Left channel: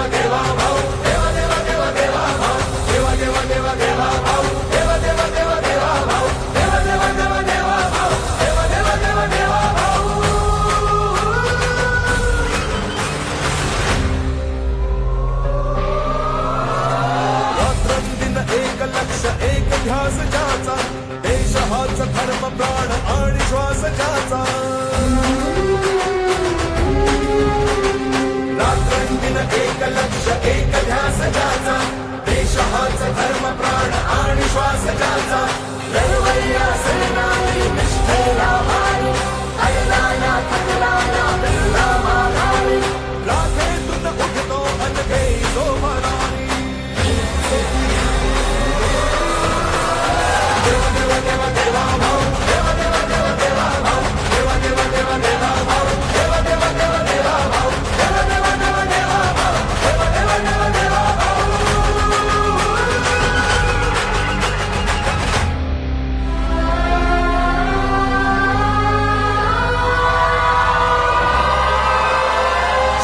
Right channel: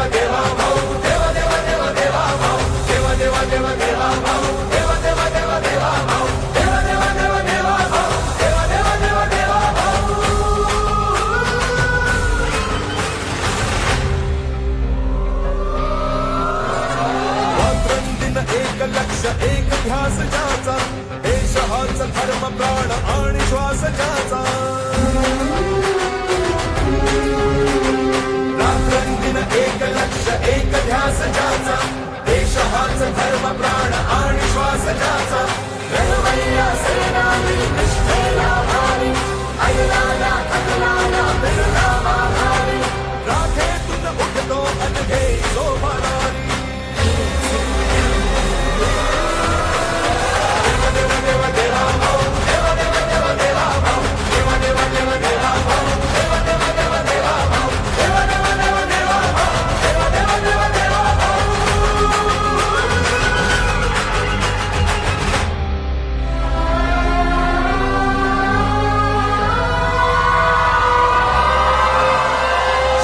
देवा देवा भाऊ देवा देवा देवा देवा भाऊ देवा देवा देवा देवा भाऊ देवा देवा देवा देवा भाऊ देवा देवा देवा देवा भाऊ देवा देवा देवा देवा भाऊ रात्रंदिन एक लक्ष एक ध्यास ज्याचा देश हाच धर्म प्राण आणि श्वास ज्याचा रात्रंदिन एक लक्ष एक ध्यास ज्याचा देश हाच धर्म प्राण आणि श्वास ज्याचा लढवय्या सेनानी निष्ठेला भारी ऐला ना थकला ना फिरला माघारी राखेतून उठतो अनघे जो भरारी देवा देवा देवा देवा भाऊ देवा देवा देवा देवा भाऊ देवा देवा देवा देवा भाऊ देवा देवा देवा देवा भाऊ देवा देवा देवा देवा भाऊ देवा देवा देवा देवा भाऊ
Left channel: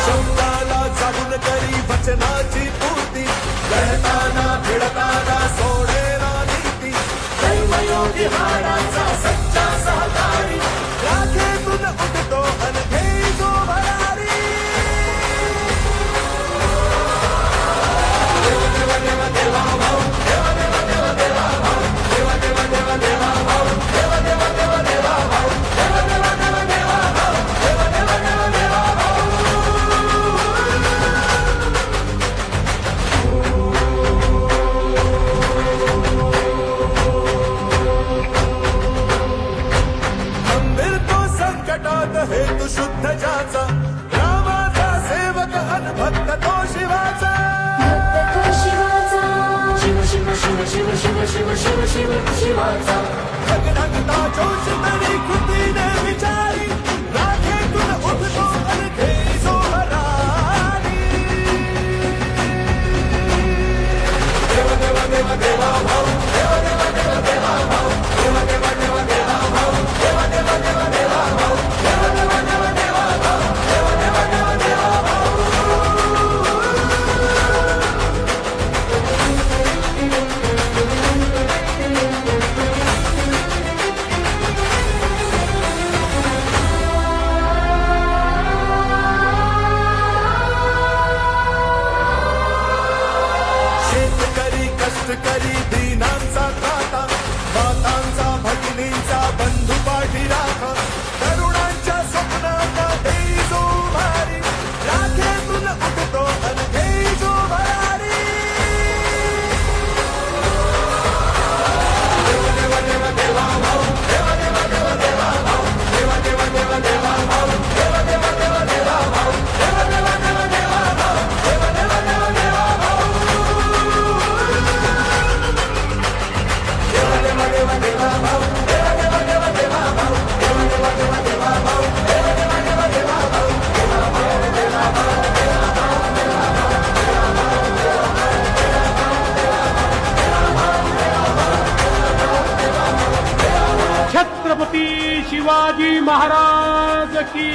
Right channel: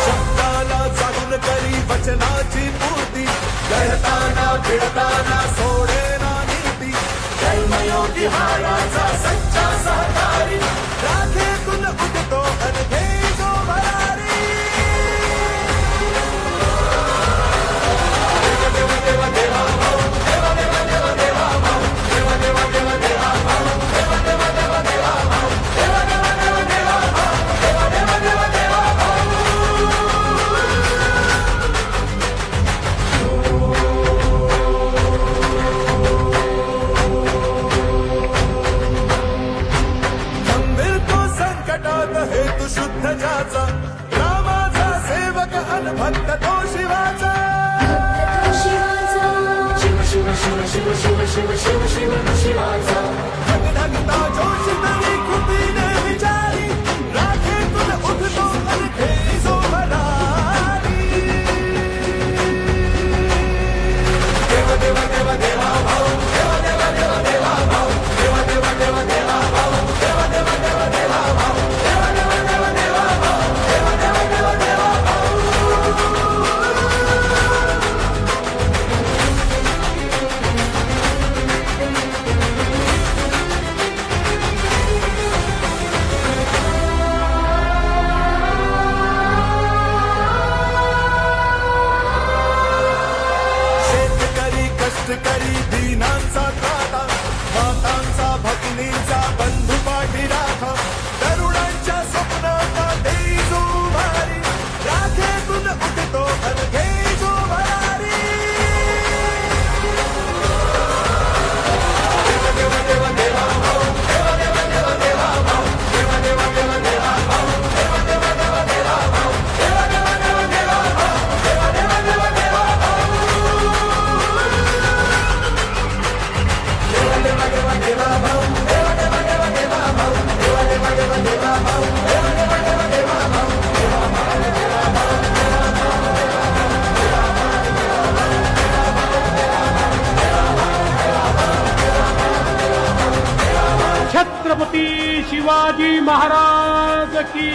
शब्दाला जागून करी वचनाची पूर्ती लढताना भिडताना सोडेना नीती कर्मयोगी हाडाचा सच्चा सहकारी राखेतून उठतो अनघे जो भरारी देवा देवा देवा देवा भाऊ देवा देवा देवा देवा भाऊ देवा देवा देवा देवा भाऊ देवा देवा देवा देवा भाऊ देवा देवा देवा देवा भाऊ देवा देवा देवा देवा भाऊ संकटात हेतू शुद्ध ज्याचा रामाचा सेवक अनभक्त तो शिवाचा शिव शिव शिव शिव शिव शिव शिव शिव शिवाचा ढगढगता जोश तरी कृतीने विचारी राखेतून उठतो अनघे जो भरारी देवा देवा देवा देवा भाऊ देवा देवा देवा देवा भाऊ देवा देवा देवा देवा भाऊ देवा देवा देवा देवा भाऊ देवा देवा देवा देवा भाऊ देवा देवा देवा देवा भाऊ शेतकरी कष्टकरी दीनांचा त्राता मातांचा भगिनींचा बंधू पाठी राखा तरुणांच्या स्वप्नांना देई जो भारी राखेतून उठतो अनघे जो भरारी देवा देवा देवा देवा भाऊ देवा देवा देवा देवा भाऊ देवा देवा देवा देवा भाऊ देवा देवा देवा देवा भाऊ देवा देवा देवा देवा भाऊ देवा देवा देवा देवा भाऊ देवा देवा देवा देवा भाऊ देवा देवा देवा देवा भाऊ देवा देवा देवा देवा भाऊ देवा देवा देवा देवा भाऊ छत्रपती शिवाजी महाराज की